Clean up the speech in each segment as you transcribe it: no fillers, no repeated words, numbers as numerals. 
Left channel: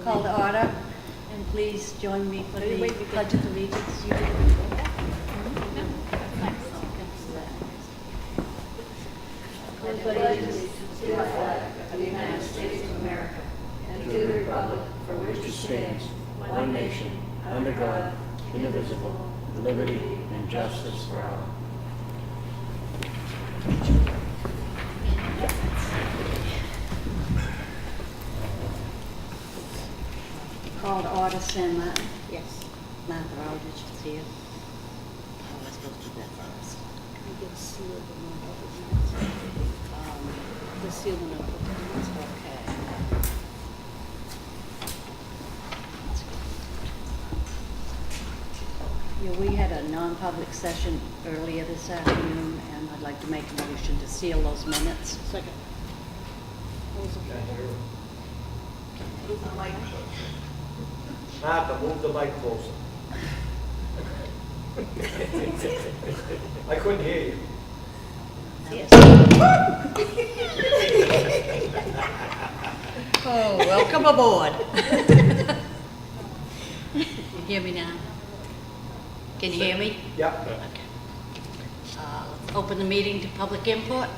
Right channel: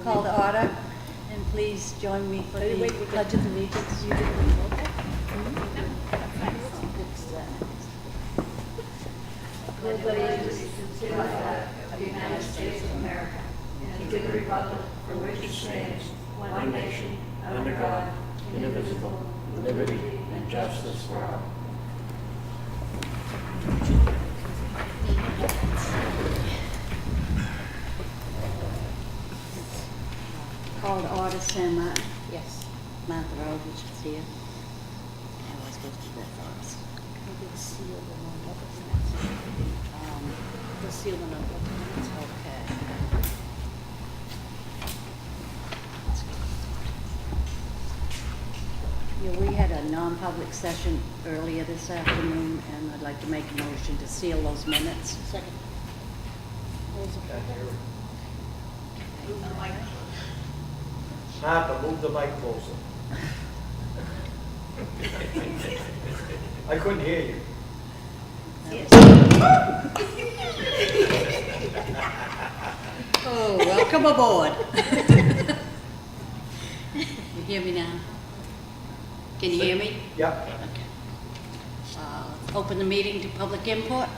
Call to order, and please join me for the Pledge of Allegiance. You did the roll call? Pledge allegiance to the flag of the United States of America and to the republic for which it stands, one nation, under God, indivisible, with liberty and justice for all. Call to order, Sam Martin. Yes. Martha Eldridge is here. Oh, I was supposed to do that first. Can we get a seal and non-public minutes? The seal and non-public minutes. Okay. Yeah, we had a non-public session earlier this afternoon, and I'd like to make a motion to seal those minutes. Second. All those in favor? Move the mic. Harper, move the mic closer. I couldn't hear you. Yes. Oh, welcome aboard. You hear me now? Can you hear me? Yeah. Let's open the meeting to public input.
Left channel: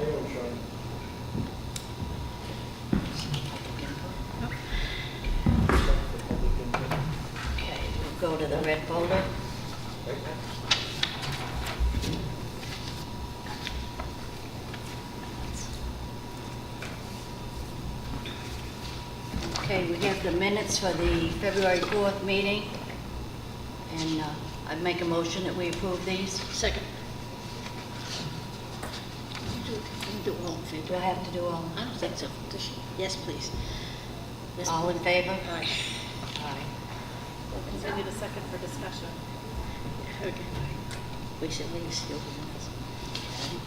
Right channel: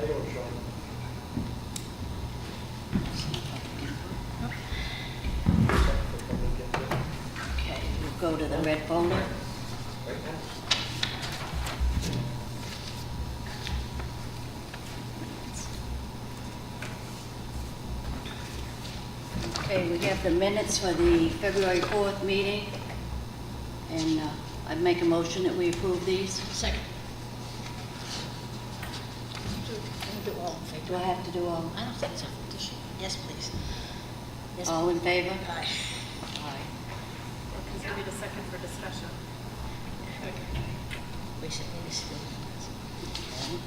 I don't show. Okay, we'll go to the red folder. Okay, we have the minutes for the February 4th meeting, and I'd make a motion that we approve these. Second. Do all in favor. Do I have to do all? Yes, please. Yes. All in favor? Aye. Aye. We'll continue to second for discussion. Which it is. Okay.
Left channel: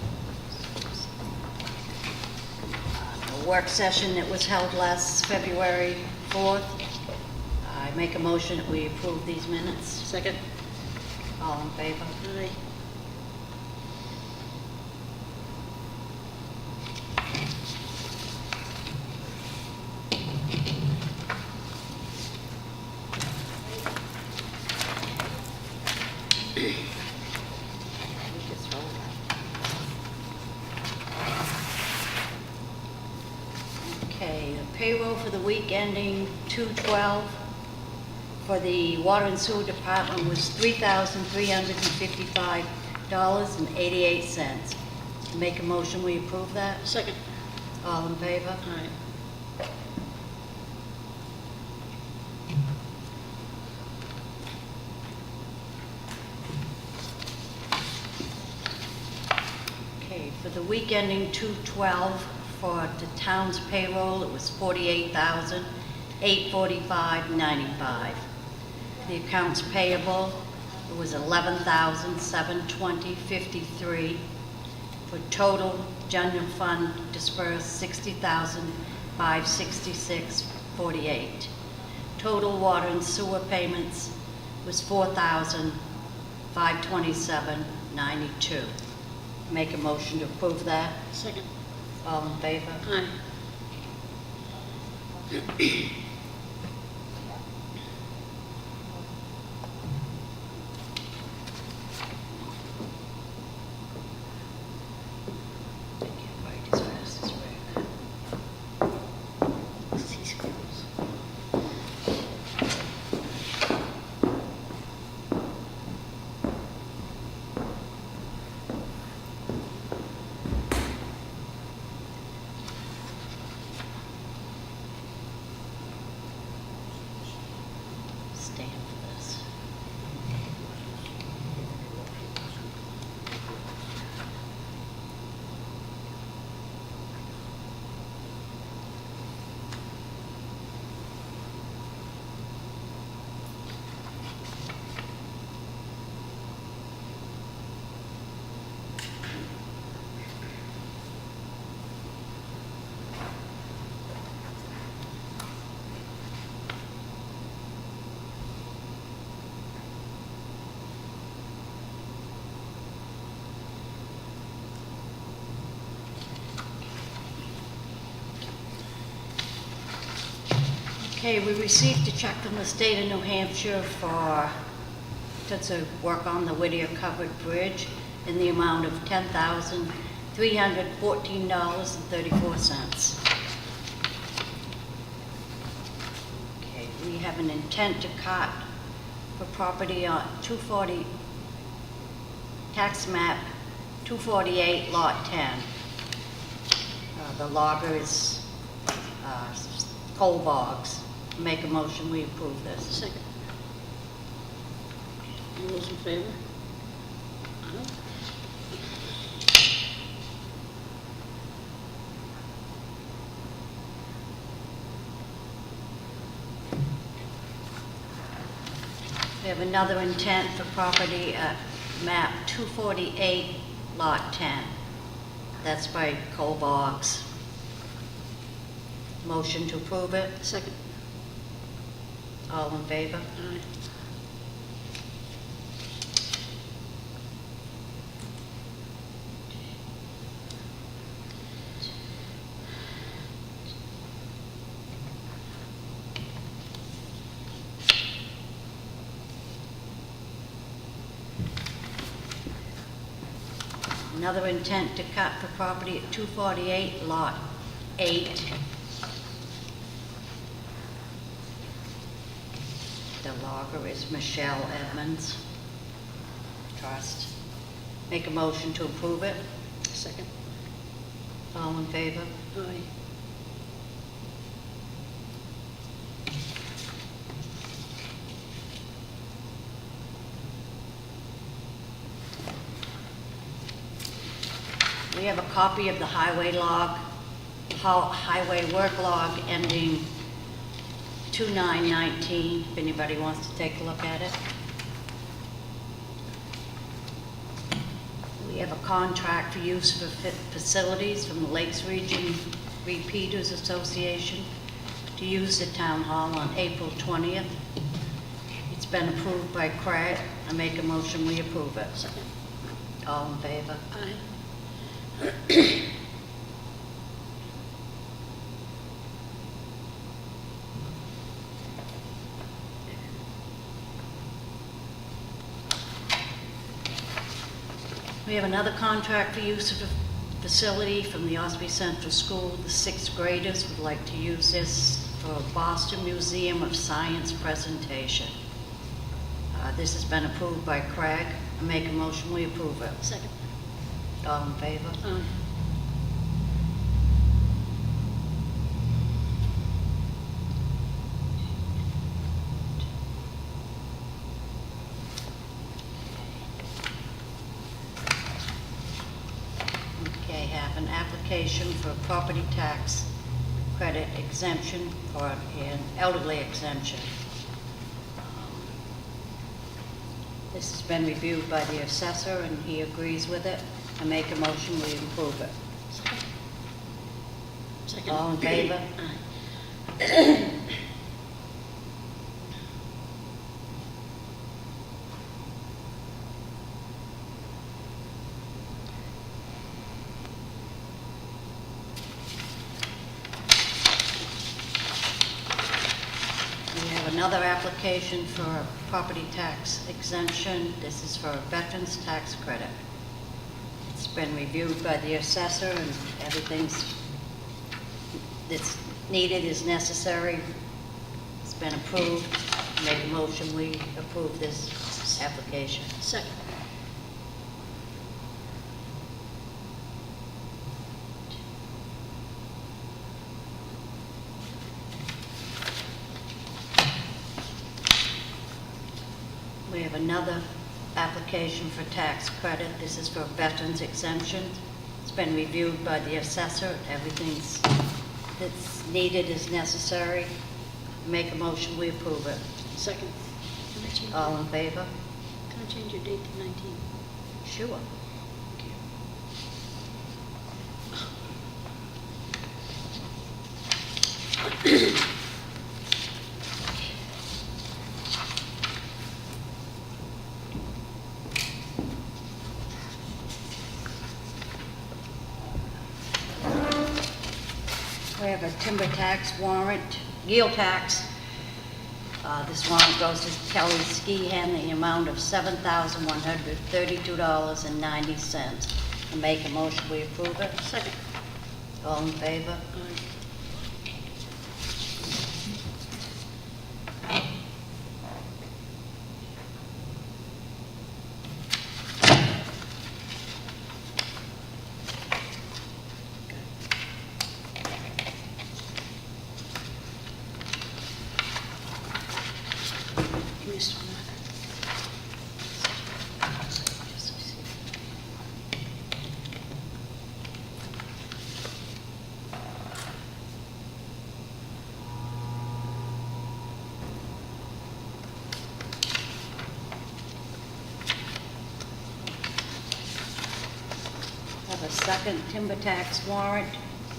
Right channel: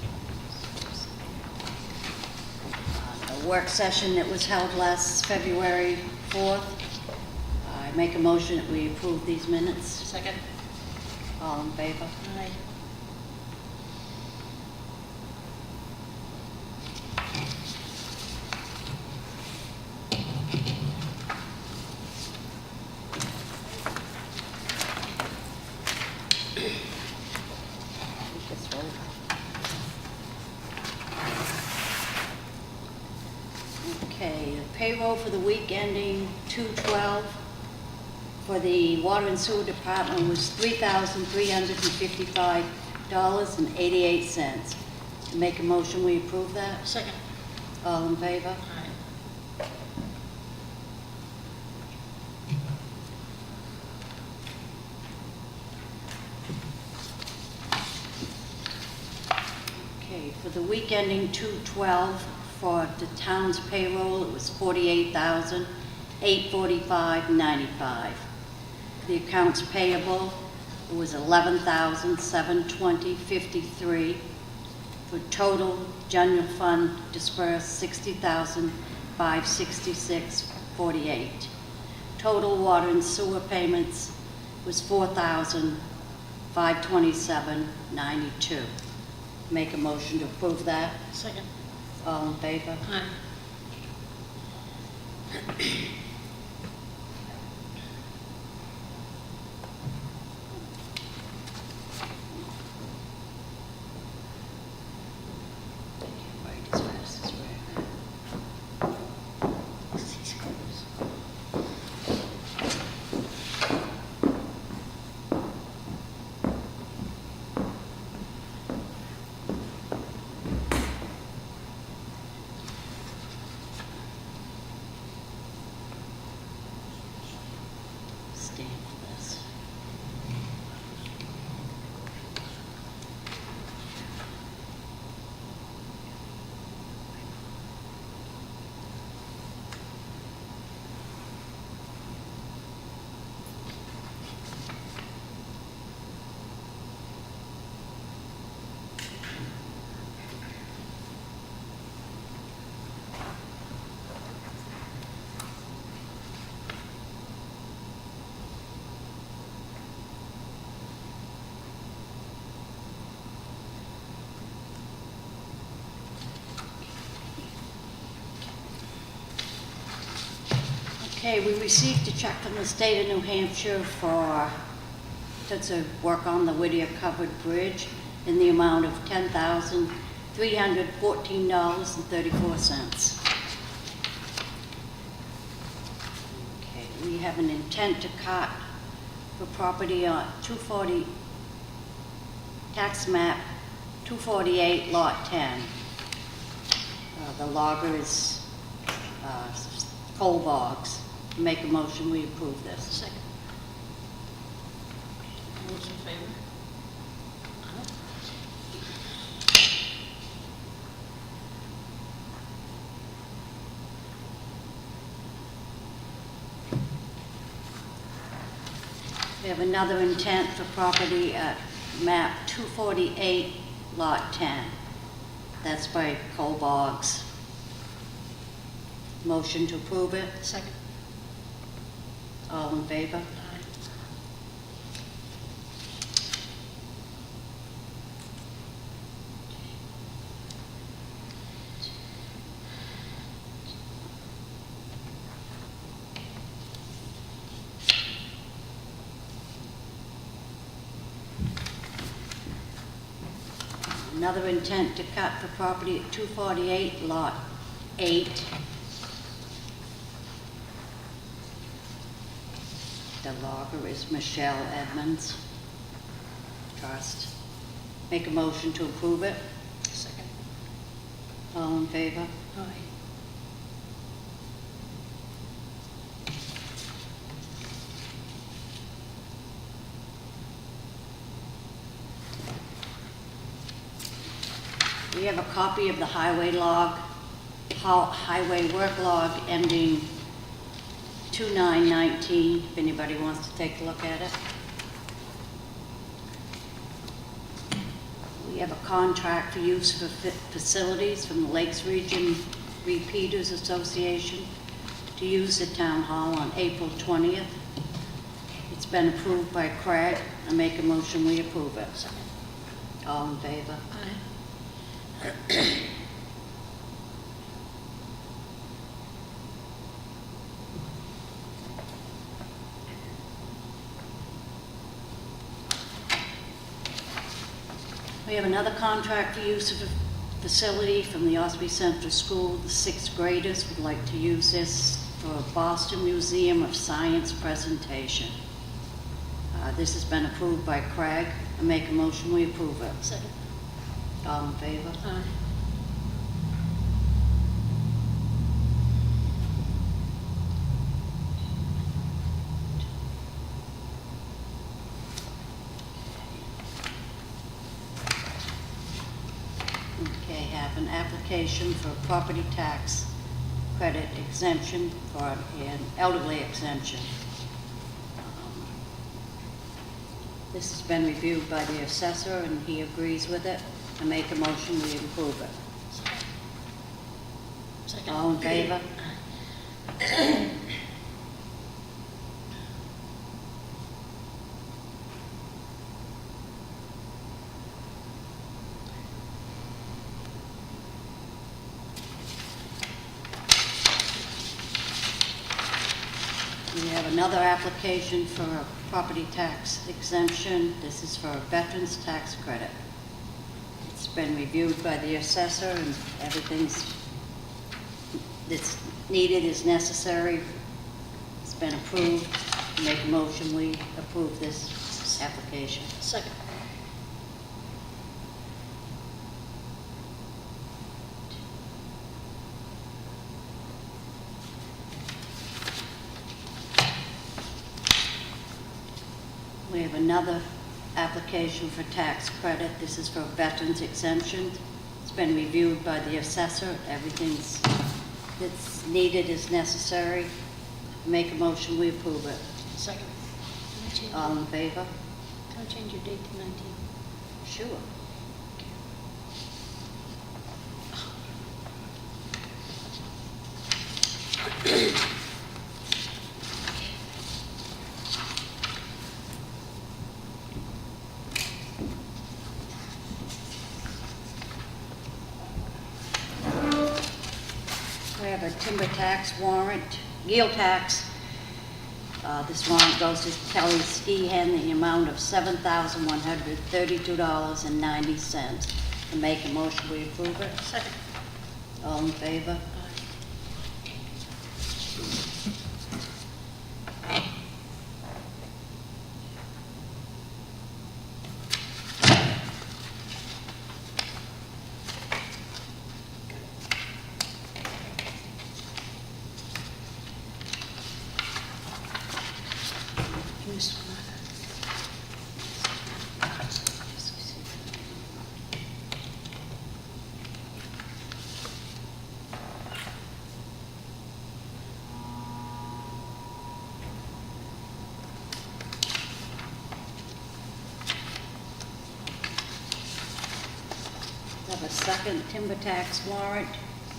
A work session that was held last February 4th. I make a motion that we approve these minutes. Second. All in favor? Aye. Just roll up. Okay, the payroll for the week ending 2/12 for the water and sewer department was $3,355.88. Make a motion, we approve that. Second. All in favor? Aye. Okay, for the week ending 2/12 for the town's payroll, it was $48,845.95. The accounts payable, it was $11,720.53. For total general fund dispersed $60,566.48. Total water and sewer payments was $4,527.92. Make a motion to approve that. Second. All in favor? Aye. Stand for this. Okay, we received a check from the state of New Hampshire to work on the Whittier Covered Bridge in the amount of $10,314.34. Okay, we have an intent to cut for property on 240, tax map 248, lot 10. The logger is Coal Bogs. Make a motion, we approve this. All those in favor? We have another intent for property at map 248, lot 10. That's by Coal Bogs. Motion to approve it. Second. All in favor? Aye. Another intent to cut for property at 248, lot 8. The logger is Michelle Edmonds. Trust. Make a motion to approve it. Second. All in favor? Aye. We have a copy of the highway work log ending 2919, if anybody wants to take a look at it. We have a contract for use for facilities from the Lakes Region Repeaters Association to use the town hall on April 20th. It's been approved by Craig. I make a motion, we approve it. All in favor? Aye. We have another contract for use of the facility from the Ossipee Central School. The 6th graders would like to use this for a Boston Museum of Science presentation. This has been approved by Craig. I make a motion, we approve it. Second. All in favor? Aye. Okay, have an application for property tax credit exemption for an elderly exemption. This has been reviewed by the assessor and he agrees with it. I make a motion, we approve it. Second. All in favor? We have another application for a property tax exemption. This is for a veterans tax credit. It's been reviewed by the assessor and everything's that's needed is necessary. It's been approved. I make a motion, we approve this application. Second. We have another application for tax credit. This is for veterans exemption. It's been reviewed by the assessor. Everything's that's needed is necessary. Make a motion, we approve it. Second. All in favor? Can I change your date to 19? Sure. We have a timber tax warrant, yield tax This warrant goes to Kelly Ski Hen in the amount of $7,132.90. And make a motion, we approve it. Second. All in favor? Have a second timber tax warrant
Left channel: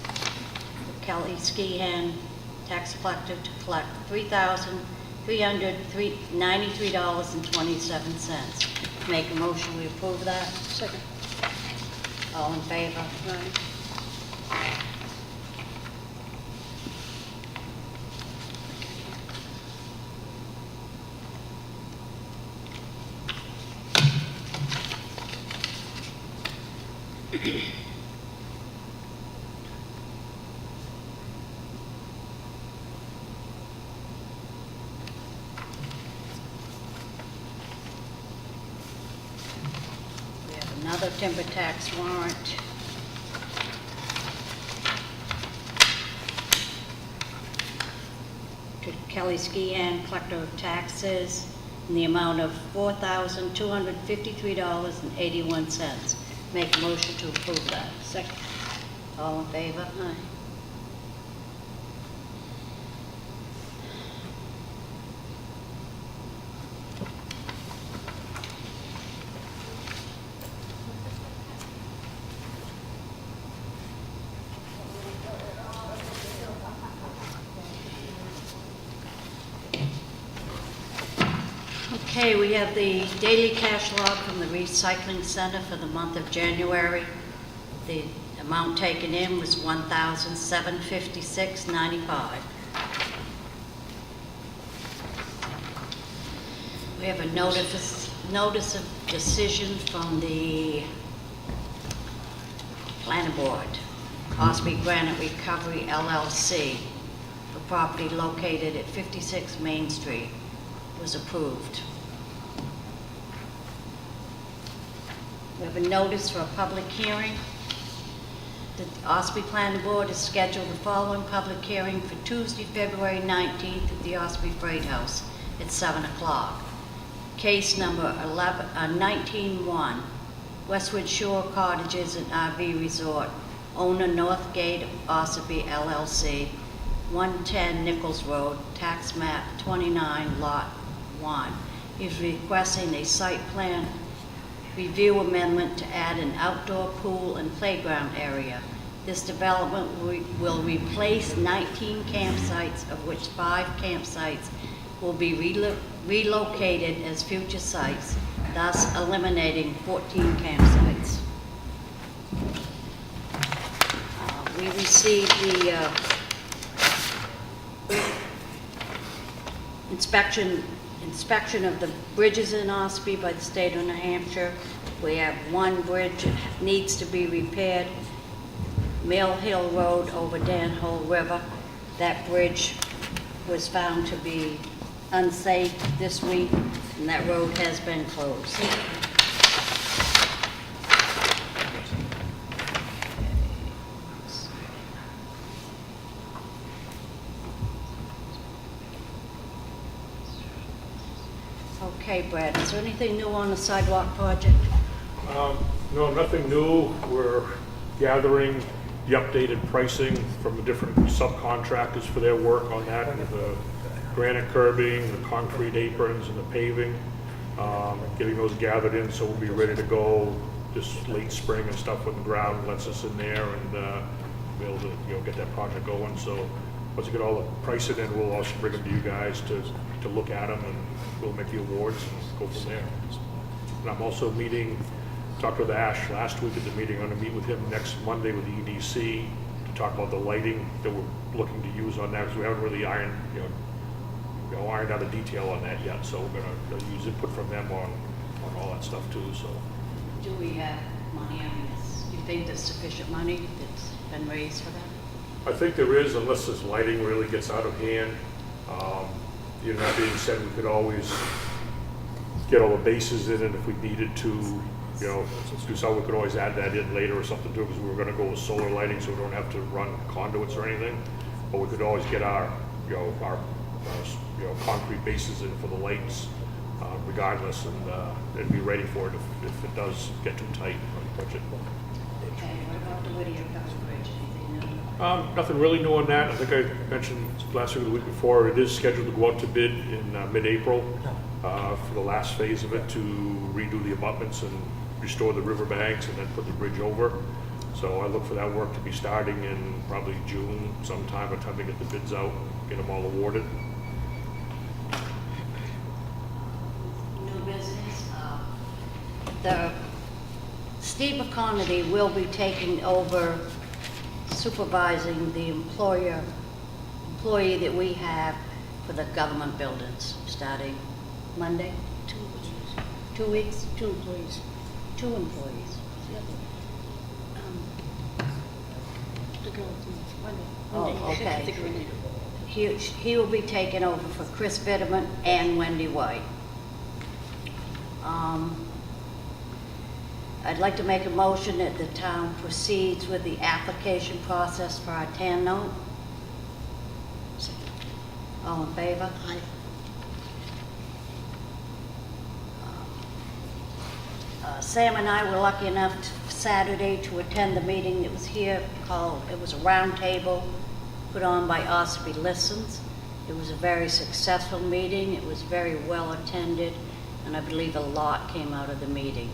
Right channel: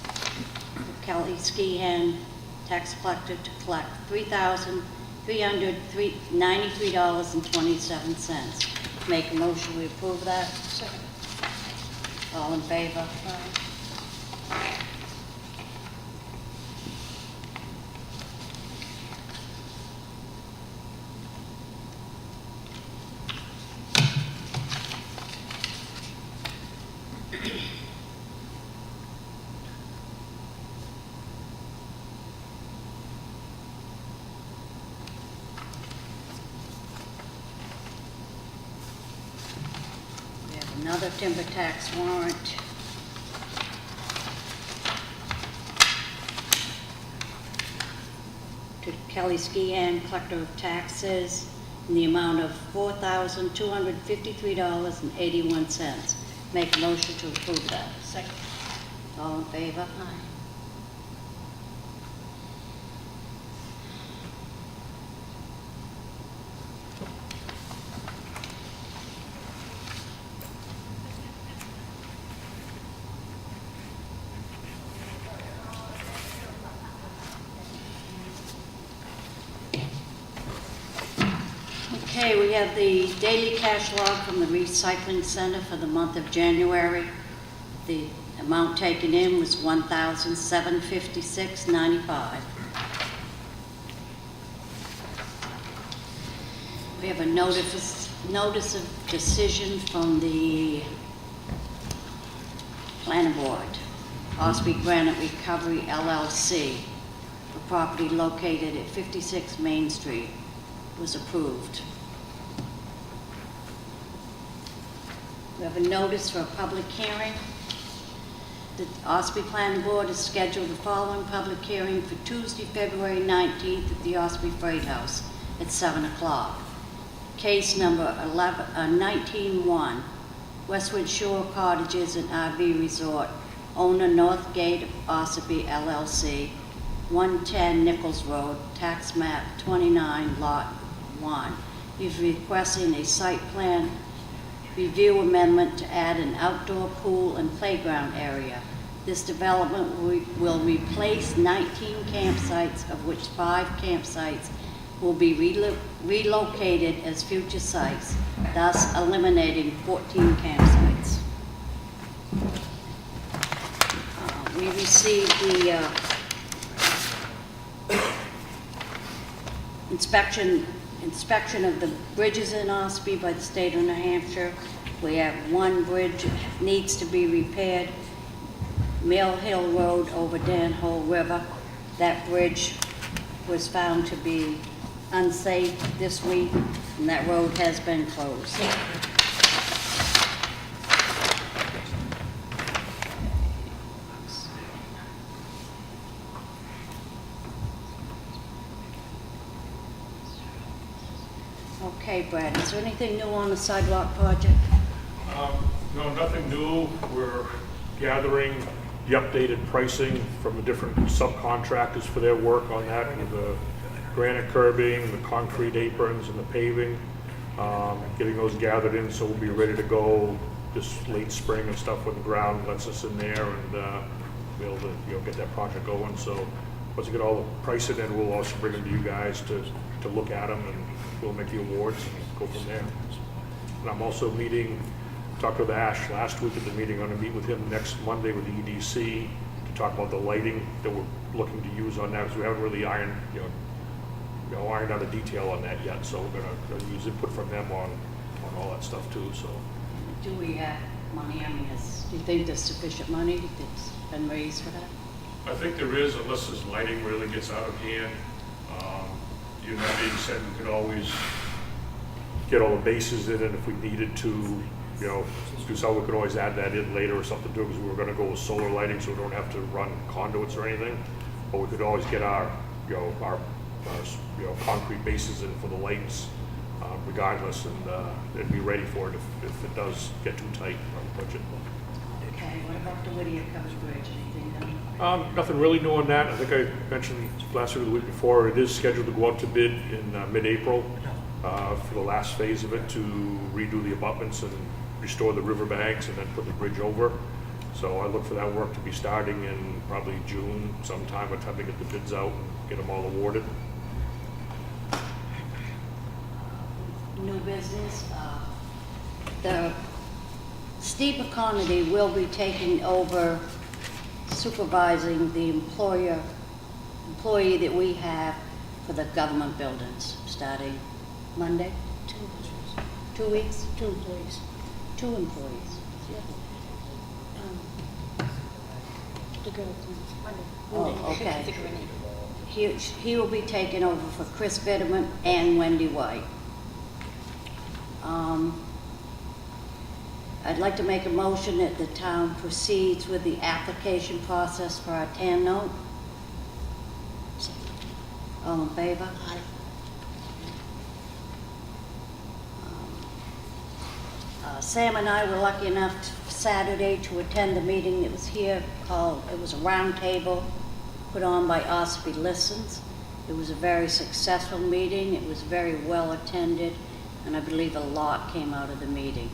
for Kelly Ski Hen, tax collector, to collect $3,393.27. Make a motion, we approve that. Second. All in favor? We have another timber tax warrant. To Kelly Ski Hen, collector of taxes, in the amount of $4,253.81. Make a motion to approve that. Second. All in favor? Okay, we have the daily cash log from the recycling center for the month of January. The amount taken in was $1,756.95. We have a notice of decision from the planning board. Ossipee Granite Recovery LLC, the property located at 56 Main Street, was approved. We have a notice for a public hearing. The Ossipee Planning Board has scheduled the following public hearing for Tuesday, February 19th at the Ossipee Freight House at 7 o'clock. Case number 19-1, Westwood Shore Cottages and RV Resort, owner Northgate Ossipee LLC, 110 Nichols Road, tax map 29, lot 1. He's requesting a site plan review amendment to add an outdoor pool and playground area. This development will replace 19 campsites, of which 5 campsites will be relocated as future sites, thus eliminating 14 campsites. We received the inspection of the bridges in Ossipee by the state of New Hampshire. We have one bridge that needs to be repaired, Mill Hill Road over Danhole River. That bridge was found to be unsafe this week, and that road has been closed. Okay, Brad, is there anything new on the sidewalk project? No, nothing new. We're gathering the updated pricing from the different subcontractors for their work on that, and the granite curbing, the concrete aprons, and the paving. Getting those gathered in, so we'll be ready to go this late spring and stuff when the ground lets us in there, and be able to get that project going. So once we get all the pricing in, we'll also bring them to you guys to look at them, and we'll make the awards and go from there. And I'm also talked with Ash last week at the meeting. I'm going to meet with him next Monday with the EDC to talk about the lighting that we're looking to use on that, because we haven't really ironed out a detail on that yet, so we're gonna use input from them on all that stuff too, so. Do we have money on this? Do you think there's sufficient money that's been raised for that? I think there is, unless this lighting really gets out of hand. That being said, we could always get all the bases in, and if we needed to, do so, we could always add that in later or something too, because we were gonna go with solar lighting, so we don't have to run conduits or anything. But we could always get our concrete bases in for the lights, regardless, and be ready for it if it does get too tight on the budget. Nothing really new on that. I think I mentioned last week or the week before, it is scheduled to go out to bid in mid-April for the last phase of it, to redo the abutments and restore the riverbanks and then put the bridge over. So I look for that work to be starting in probably June sometime, by the time they get the bids out and get them all awarded. New business. Steve McConaty will be taking over supervising the employee that we have for the government buildings, starting Monday. 2 weeks? 2 employees. 2 employees. The other one. The girls, Monday. Oh, okay. He will be taking over for Chris Bitterman and Wendy White. I'd like to make a motion that the town proceeds with the application process for our TAN note. All in favor? Aye. Sam and I were lucky enough Saturday to attend the meeting that was here it was a round table put on by Ossipee Listens. It was a very successful meeting. It was very well attended, and I believe a lot came out of the meeting.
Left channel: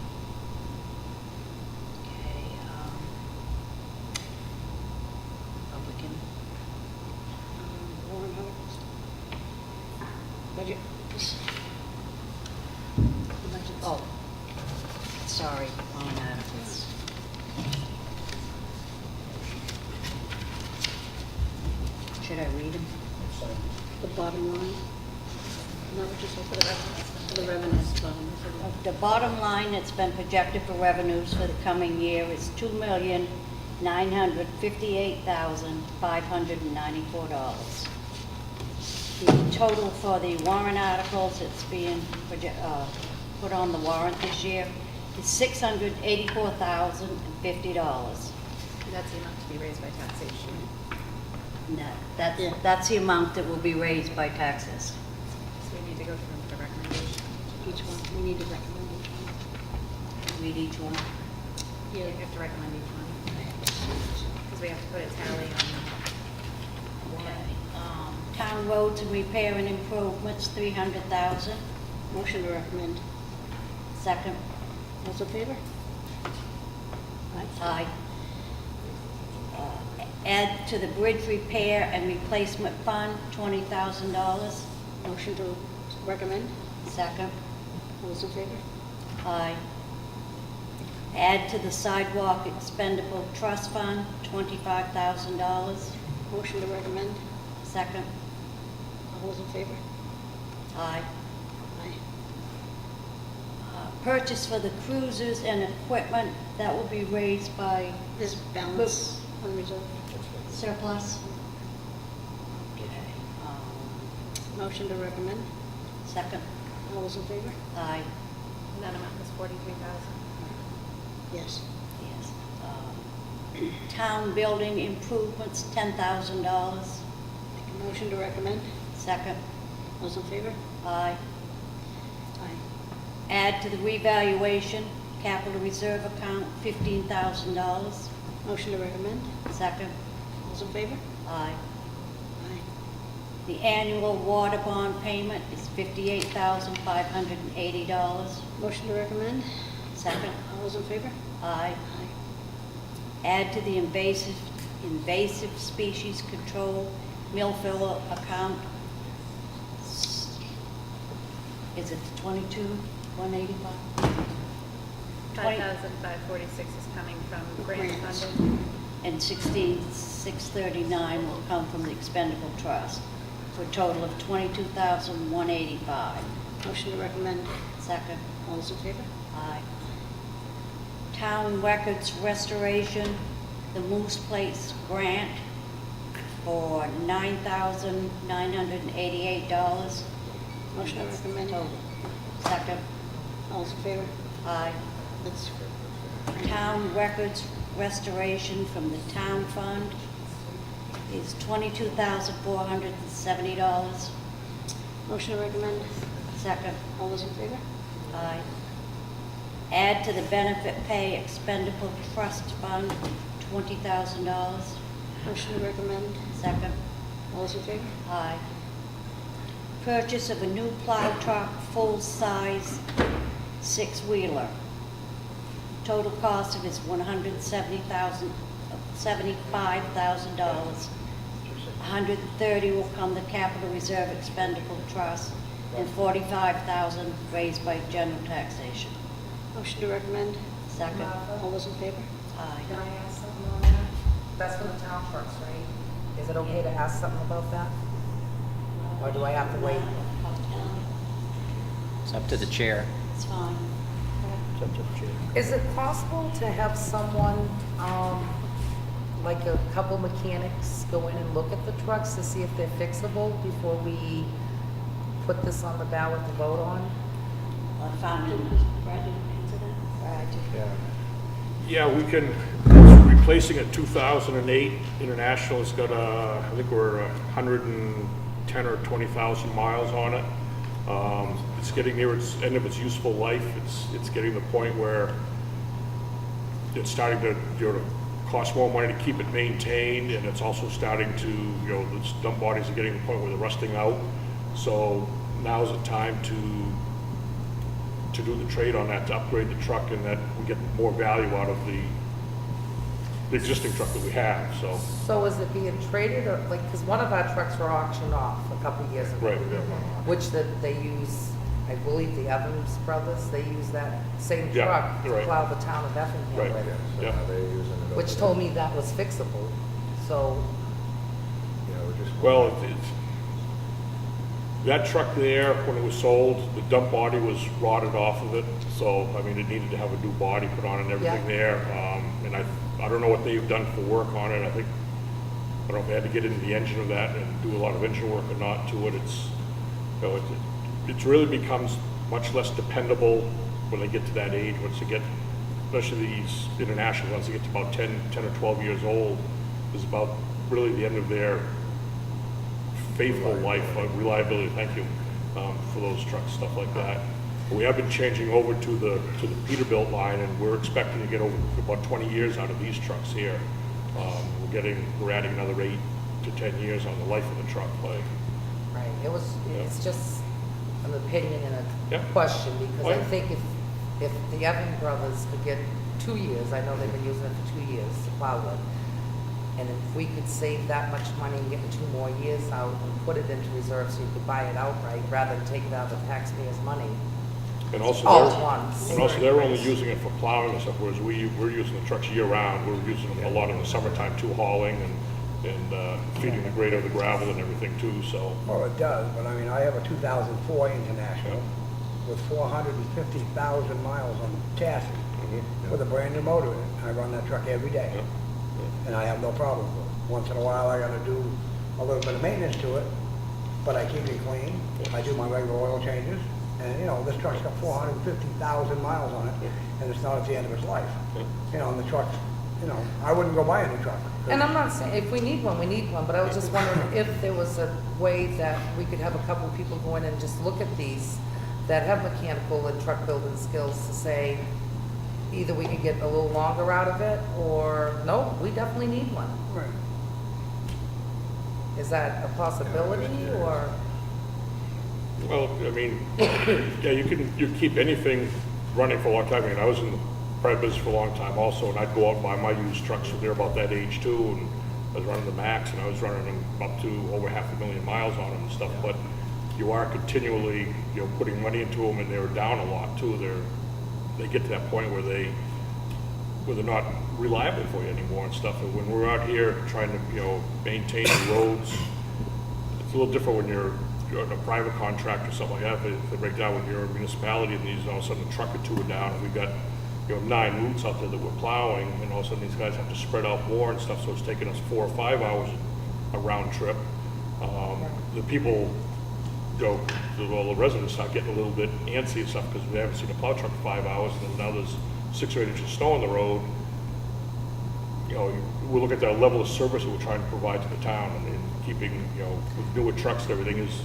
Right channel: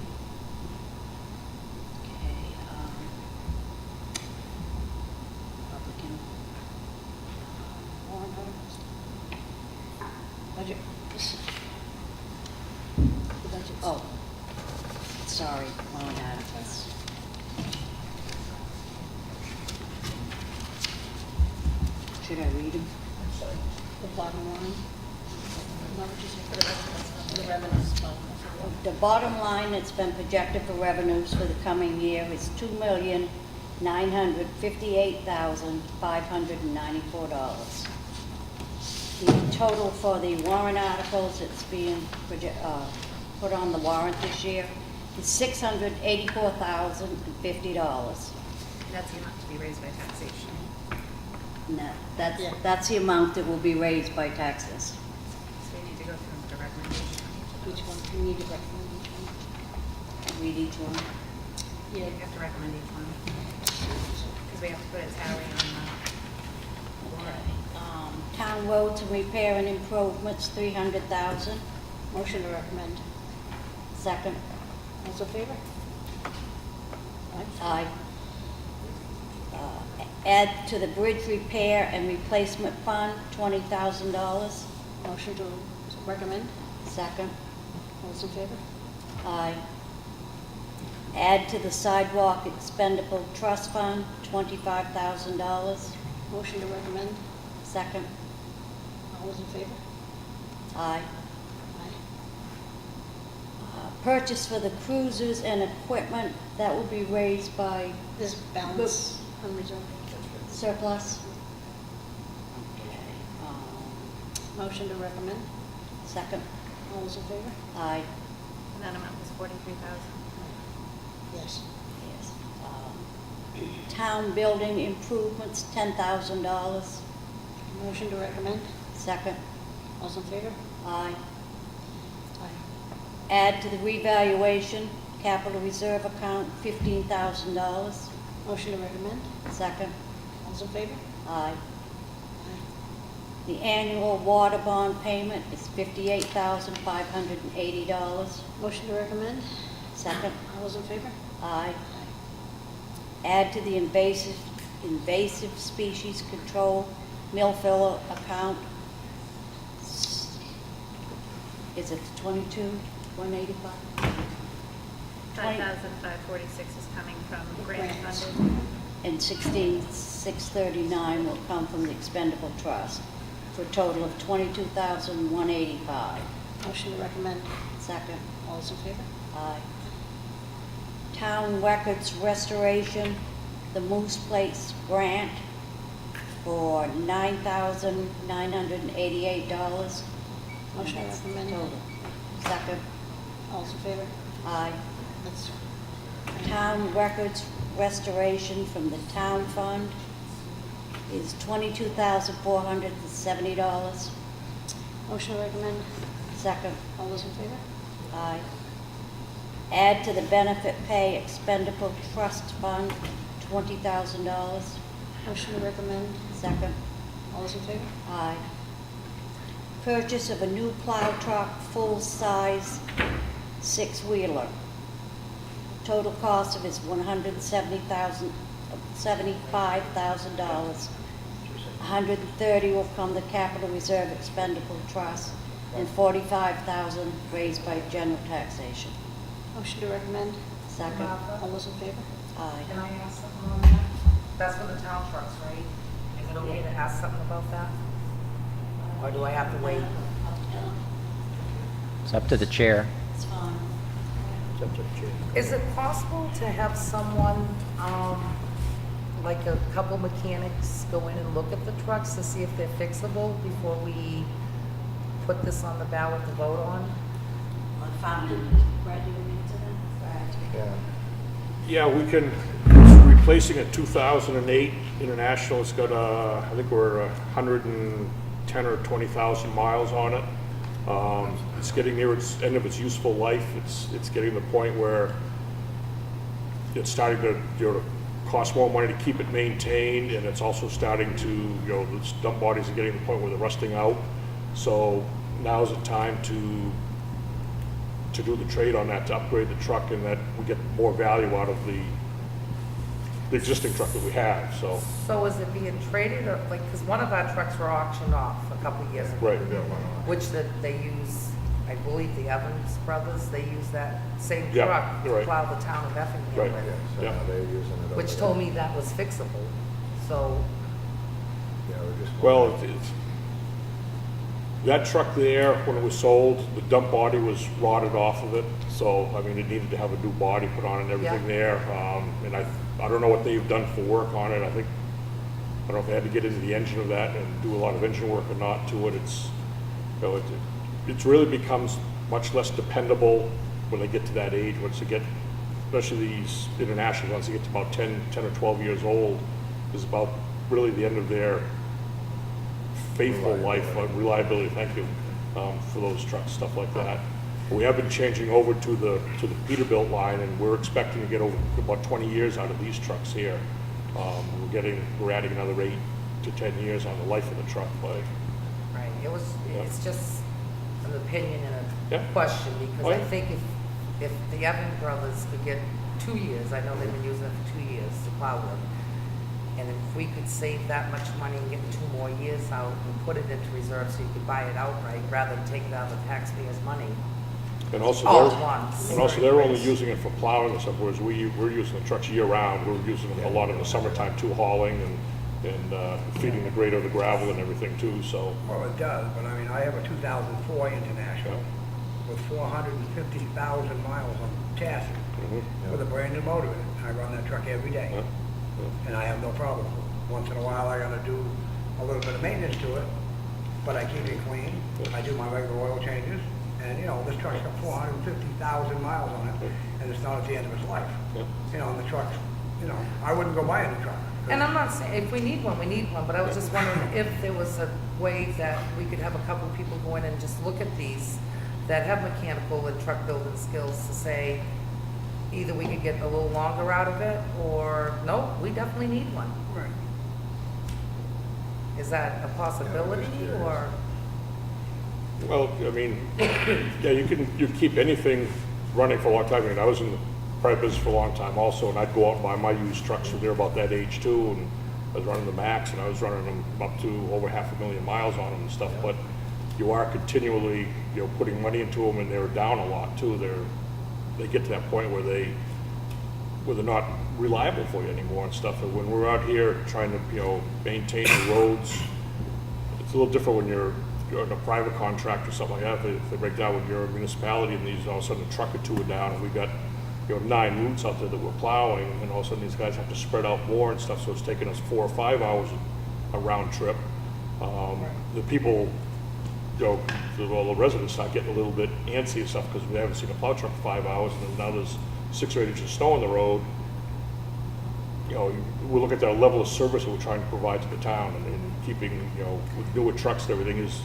Republican. Oh, sorry, wrong articles. Should I read them? The bottom line. No, For the revenues. the revenue. The bottom line that's been projected for revenues for the coming year is $2,958,594. The total for the warrant articles that's being put on the warrant this year is $684,050. That's the amount to be raised by taxation. No, that's the amount that will be raised by taxes. So you need to go through and put a recommendation on each of Each those. one, we need to recommend each one. Read each one. Yeah, you have to recommend each one. Because we have to put a tally on the warrant. Town roads and repair and improvements, $300,000. Motion to recommend. Second. Those in favor? Aye. Aye. Add to the bridge repair and replacement fund, $20,000. Motion to recommend. Second. Those in favor? Aye. Add to the sidewalk expendable trust fund, $25,000. Motion to recommend. Second. All those in favor? Aye. Aye. Purchase for the cruisers and equipment, that will be raised by This balance unreserved. surplus. Okay. Motion to recommend. Second. All those in favor? Aye. And that amount was $43,000. Yes. Yes. Town building improvements, $10,000. Motion to recommend. Second. Those in favor? Aye. Aye. Add to the revaluation capital reserve account, $15,000. Motion to recommend. Second. Those in favor? Aye. Aye. The annual water bond payment is $58,580. Motion to recommend. Second. All those in favor? Aye. Add to the invasive species control mill filler account. Is it 22,185? 5,546 is coming from grant funding. And 16,639 will come from the expendable trust. for a total of $22,185. Motion to recommend. Second. All those in favor? Aye. Town records restoration, the Moose Place grant for $9,988. Motion to recommend. Total. Second. All those in favor? Aye. Town records restoration from the town fund is $22,470. Motion to recommend. Second. All those in favor? Aye. Add to the benefit pay expendable trust fund, $20,000. Motion to recommend. Second. All those in favor? Aye. Purchase of a new plow truck, full-size, six-wheeler. Total cost of is $175,000. $130,000 will come the capital reserve expendable trust, and $45,000 raised by general taxation. Motion to recommend. Second. All those in favor? Aye. That's with the town trucks, right? Is it okay to ask something about that? Or do I have to wait? It's up to the chair. It's up to the chair. Is it possible to have someone, like a couple mechanics go in and look at the trucks to see if they're fixable before we put this on the ballot to vote on? Yeah. Yeah, we can, it's replacing a 2008 International. It's got I think we're 110 or 20,000 miles on it. It's getting near its end of its useful life. It's getting to the point where it's starting to, to cost more money to keep it maintained, and it's also starting to, the dump bodies are getting to the point where they're rusting out. So now's the time to do the trade on that, to upgrade the truck, and that we get more value out of the existing truck that we have, so. So is it being traded, or, like, because one of our trucks were auctioned off a couple of years ago. Right. Which they use, I believe the Evans brothers, they use that same Yeah, truck to right. plow the town of Effingham Right. with. So Yeah. now they're using it over Which there. told me that was fixable, so, Yeah, we're just. Well, that truck there, when it was sold, the dump body was rotted off of it, so, I mean, it needed to have a new body put on and everything Yeah. there. And I don't know what they've done for work on it. I don't know if they had to get into the engine of that and do a lot of engine work or not to it. It really becomes much less dependable when they get to that age, once they get, especially these international ones, they get to about 10 or 12 years old, is about really the end of their faithful life, reliability, thank you, for those trucks, stuff like that. We have been changing over to the Peterbilt line, and we're expecting to get over about 20 years out of these trucks here. We're adding another 8 to 10 years on the life of the truck. right, it's just an opinion and Yeah. a question, because Oh, I yeah. think if the Evans brothers could get 2 years, I know they've been using it for 2 years to plow with, and if we could save that much money and get 2 more years out and put it into reserve so you could buy it outright, rather than take it out of the taxpayers' money And also, all at once. they're only using it for plowing and stuff, whereas we're using the trucks year round. We're using them a lot in the summertime too, hauling and feeding the grader, the gravel and everything too, so. Well, it does, but I mean, I have a 2004 International with 450,000 miles on the chassis with a brand new motor in it. I run that truck every day, and I have no problem with it. Once in a while, I gotta do a little bit of maintenance to it, but I keep it clean. I do my regular oil changes, and this truck's got 450,000 miles on it, and it's not at the end of its life. And the truck, I wouldn't go buy a new truck. And I'm not saying, if we need one, we need one, but I was just wondering if there was a way that we could have a couple of people go in and just look at these that have mechanical and truck building skills to say, either we could get a little longer out of it, or, no, we definitely need one. Right. Is that a possibility, curious. or? Well, I mean, yeah, you keep anything running for a long time. I mean, I was in the private business for a long time also, and I'd go out and buy my used trucks when they're about that age too, and I was running the Max, and I was running them up to over 500,000 miles on them and stuff, but you are continually, putting money into them, and they're down a lot too. They get to that point where they're not reliable for you anymore and stuff, and when we're out here trying to, maintain the roads, It's a little different when you're in a private contract or something like that. If they break down when you're a municipality and these all of a sudden a truck or two are down, and we got 9 routes out there that we're plowing, and all of a sudden these guys have to spread out more and stuff, so it's taking us 4 or 5 hours a round trip. The people, all the residents start getting a little bit antsy and stuff because we haven't seen a plow truck for 5 hours, and then now there's 6 or 8 inches of snow on the road. We look at the level of service that we're trying to provide to the town, and keeping, with newer trucks and everything is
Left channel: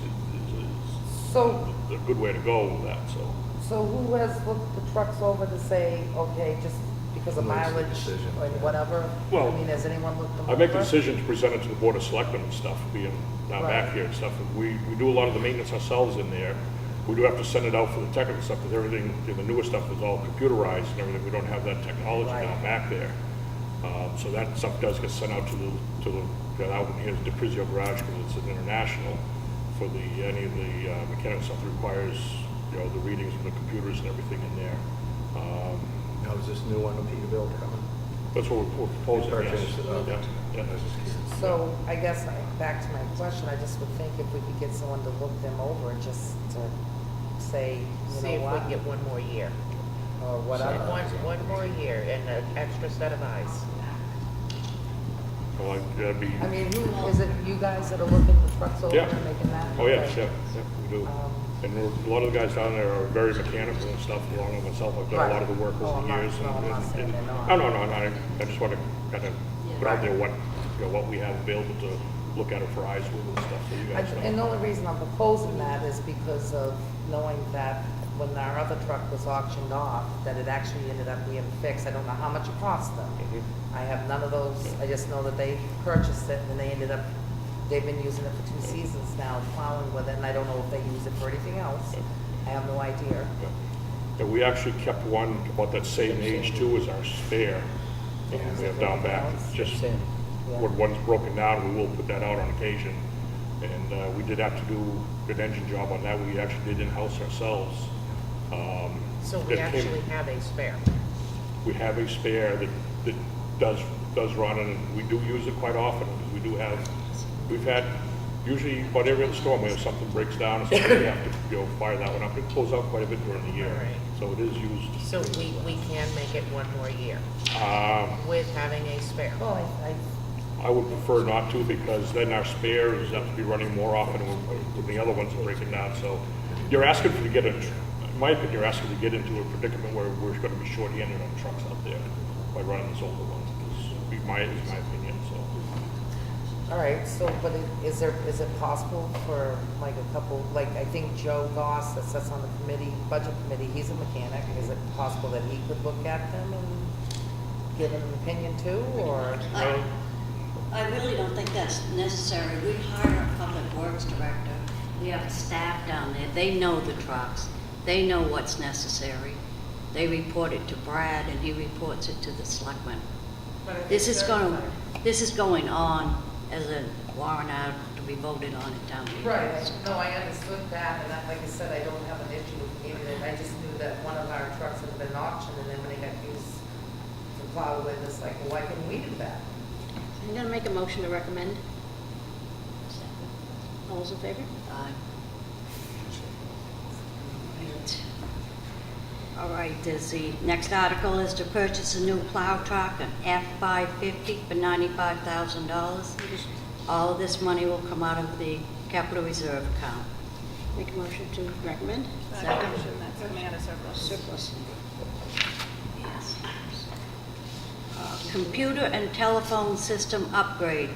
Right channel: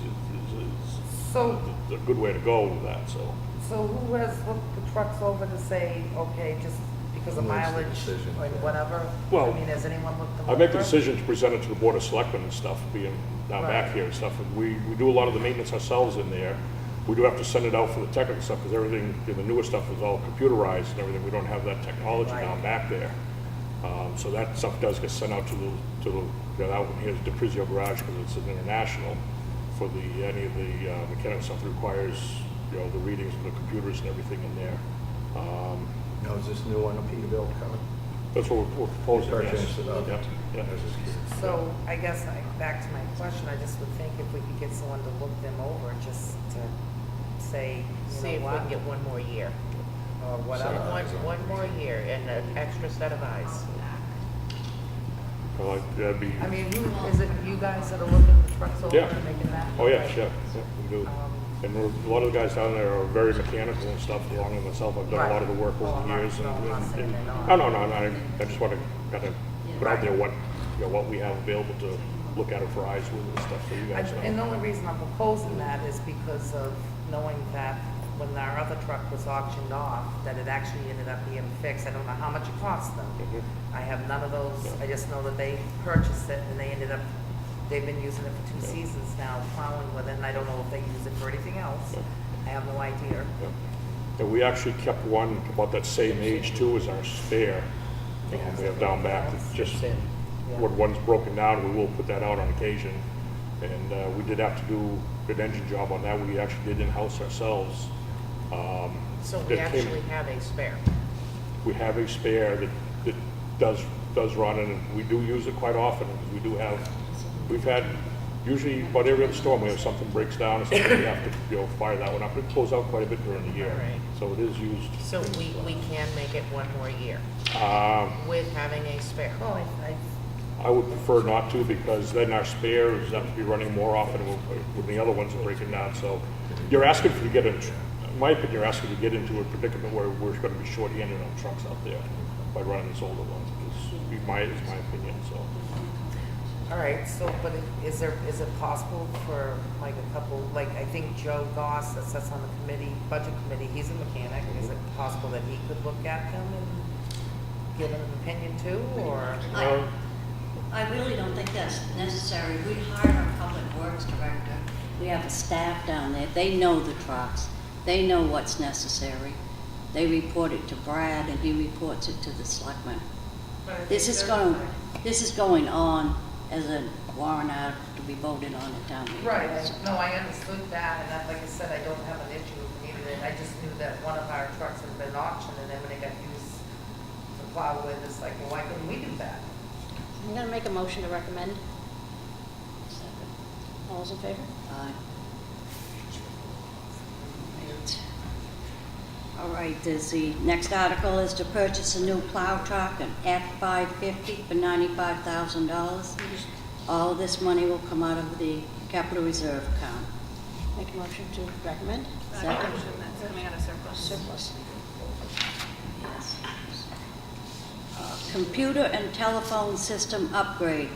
So, a good way to go with that, so. so who has looked the trucks over to say, okay, just because of Who makes the mileage decision, and yeah. whatever? Well, I mean, has anyone looked them over? I make the decision to present it to the Board of Selectmen and stuff, being now back Right. here and stuff. And we do a lot of the maintenance ourselves in there. We do have to send it out for the technical stuff, because everything, the newer stuff is all computerized and everything. We don't have that technology now Right. back there. So that stuff does get sent out to the that one here's DePrizio Garage, because it's an international. For any of the mechanical stuff that requires, the readings of the computers and everything in there. Now, is this new one, a Peterbilt coming? That's what we're proposing, yes. Purchase, okay. Yeah. I was just curious. So I guess back to my question, I just would think if we could get someone to look them over, just to say, See you if know we can what, get one more year. or whatever. One more year and an extra set of eyes. That'd be. I mean, is it you guys that are looking the trucks over Yeah. and making that? Oh, yes, Okay. yeah, we do. Um, And a lot of the guys down there are very mechanical and stuff, along with myself. I've done a lot of the work Right. Oh, over I'm the not- years. no, I'm not and- saying and- they're not. No, I just want to kind of put out there what we have available to look at it for eyes with and stuff, so you guys know. And the only reason I'm proposing that is because of knowing that when our other truck was auctioned off, that it actually ended up being fixed. I don't know how much it cost them. Mhm. I have none of those. Yeah. I just know that they purchased it and they ended up, they've been using it for 2 seasons now, plowing with it, and I don't know if they use it for anything else. Yeah. I have no idea. Yeah. And we actually kept one about that same age too as our spare. We have down back, it's just, Same. Yeah. when one's broken down, we will put that out on occasion. And we did have to do an engine job on that. We actually did in-house ourselves. So we It came- actually have a spare. We have a spare that does run, and we do use it quite often, because we've had, usually about every other storm, we have something breaks down or something, we have to, fire that one up. It goes out quite a bit during the year. All right. So it is used. So we can make it one more year with having a spare. Well, I would prefer not to, because then our spares have to be running more often when the other ones are breaking down. So you're asking to get in my opinion, you're asking to get into a predicament where we're going to be short-handed on trucks out there by running this older one. Is my opinion, so. all right, so, but is it possible for like a couple, like I think Joe Goss that sits on the committee, budget committee, he's a mechanic. Is it possible that he could look at them and give an opinion too, or? Well, I really don't think that's necessary. We hire a public works director. We have staff down there. They know the trucks. They know what's necessary. They report it to Brad, and he reports it to the selectmen. This is going on as a warrant article to be voted on at town meeting. Right, no, I understood that, and like I said, I don't have an issue with needed it. I just knew that one of our trucks had been auctioned, and then when it got used to plow it, it's like, well, why couldn't we do that? I'm gonna make a motion to recommend. All those in favor? Aye. All right, the next article is to purchase a new plow truck, an F-550 for $95,000. All of this money will come out of the capital reserve account. Make a motion to recommend. Second. That's coming out of surplus. Surplus. Yes. Computer and telephone system upgrade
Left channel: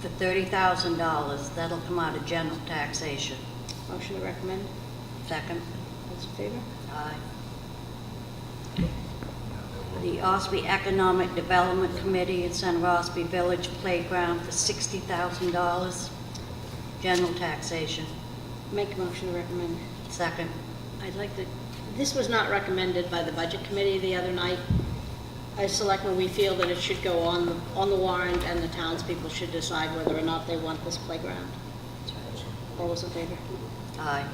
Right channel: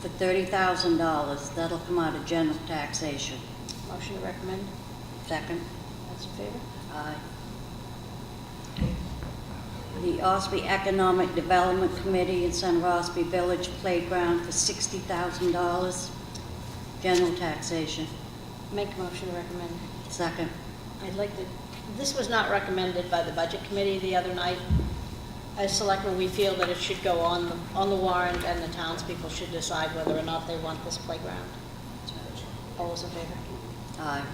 for $30,000. That'll come out of general taxation. Motion to recommend. Second. All those in favor? Aye. The Ossipee Economic Development Committee in Center Ossipee Village Playground for $60,000. General taxation. Make a motion to recommend. Second. I'd like to, this was not recommended by the budget committee the other night. As selectmen, we feel that it should go on the warrant, and the townspeople should decide whether or not they want this playground. All those in favor? Aye.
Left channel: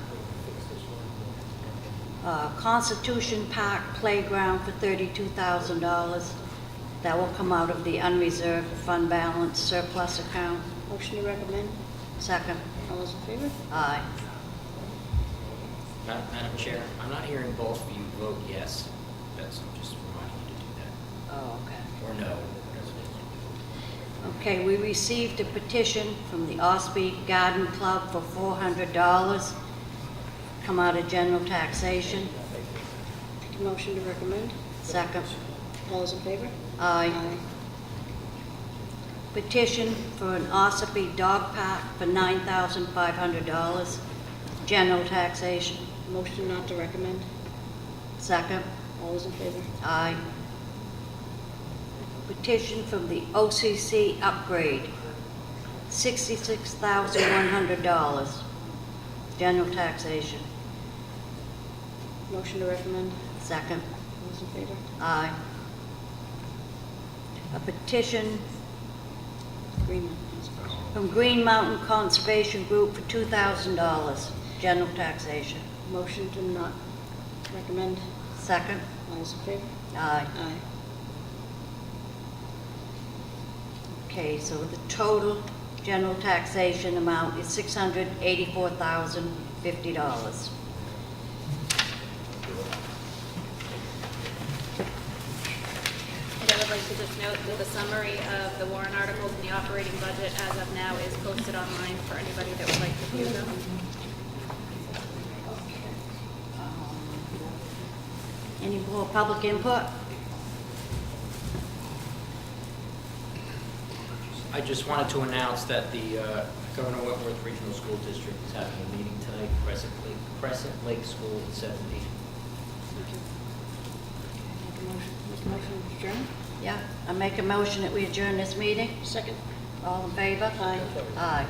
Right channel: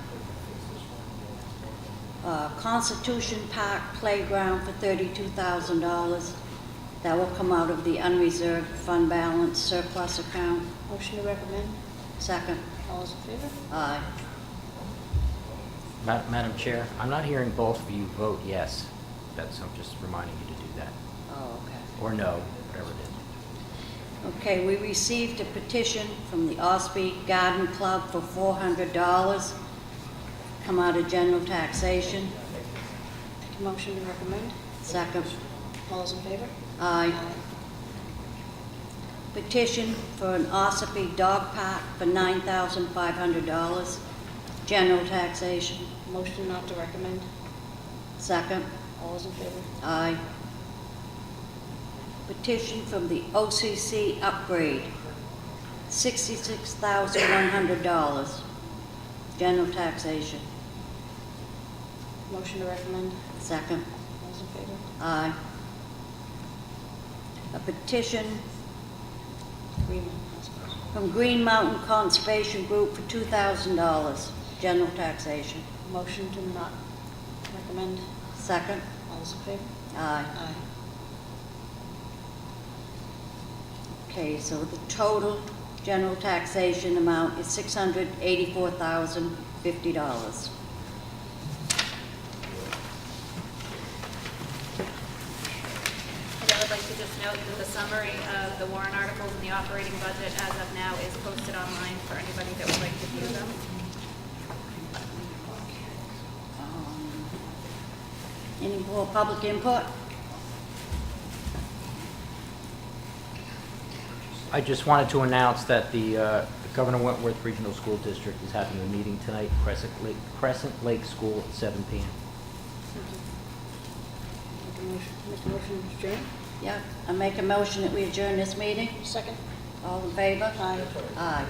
Constitution Park Playground for $32,000. That will come out of the unreserved fund balance surplus account. Motion to recommend. Second. All those in favor? Aye. Madam Chair, I'm not hearing both of you vote yes. That's, I'm just reminding you to do that. Oh, okay. Or no, whatever it is. Okay, we received a petition from the Ossipee Garden Club for $400. Come out of general taxation. Motion to recommend. Second. All those in favor? Aye. Petition for an Ossipee dog park for $9,500. General taxation. Motion not to recommend. Second. All those in favor? Aye. Petition from the OCC upgrade, $66,100. General taxation. Motion to recommend. Second. All those in favor? Aye. A petition Green. from Green Mountain Conservation Group for $2,000. General taxation. Motion to not recommend. Second. All those in favor? Aye. Aye. Okay, so the total general taxation amount is $684,050. And I would like to just note that the summary of the warrant articles and the operating budget as of now is posted online for anybody that would like to view them. Any more public input? I just wanted to announce that the Governor Wentworth Regional School District is having a meeting tonight, Crescent Lake School at 7 p.m. Make a motion to adjourn. Yeah, I make a motion that we adjourn this meeting. Second. All in favor? Aye. Aye.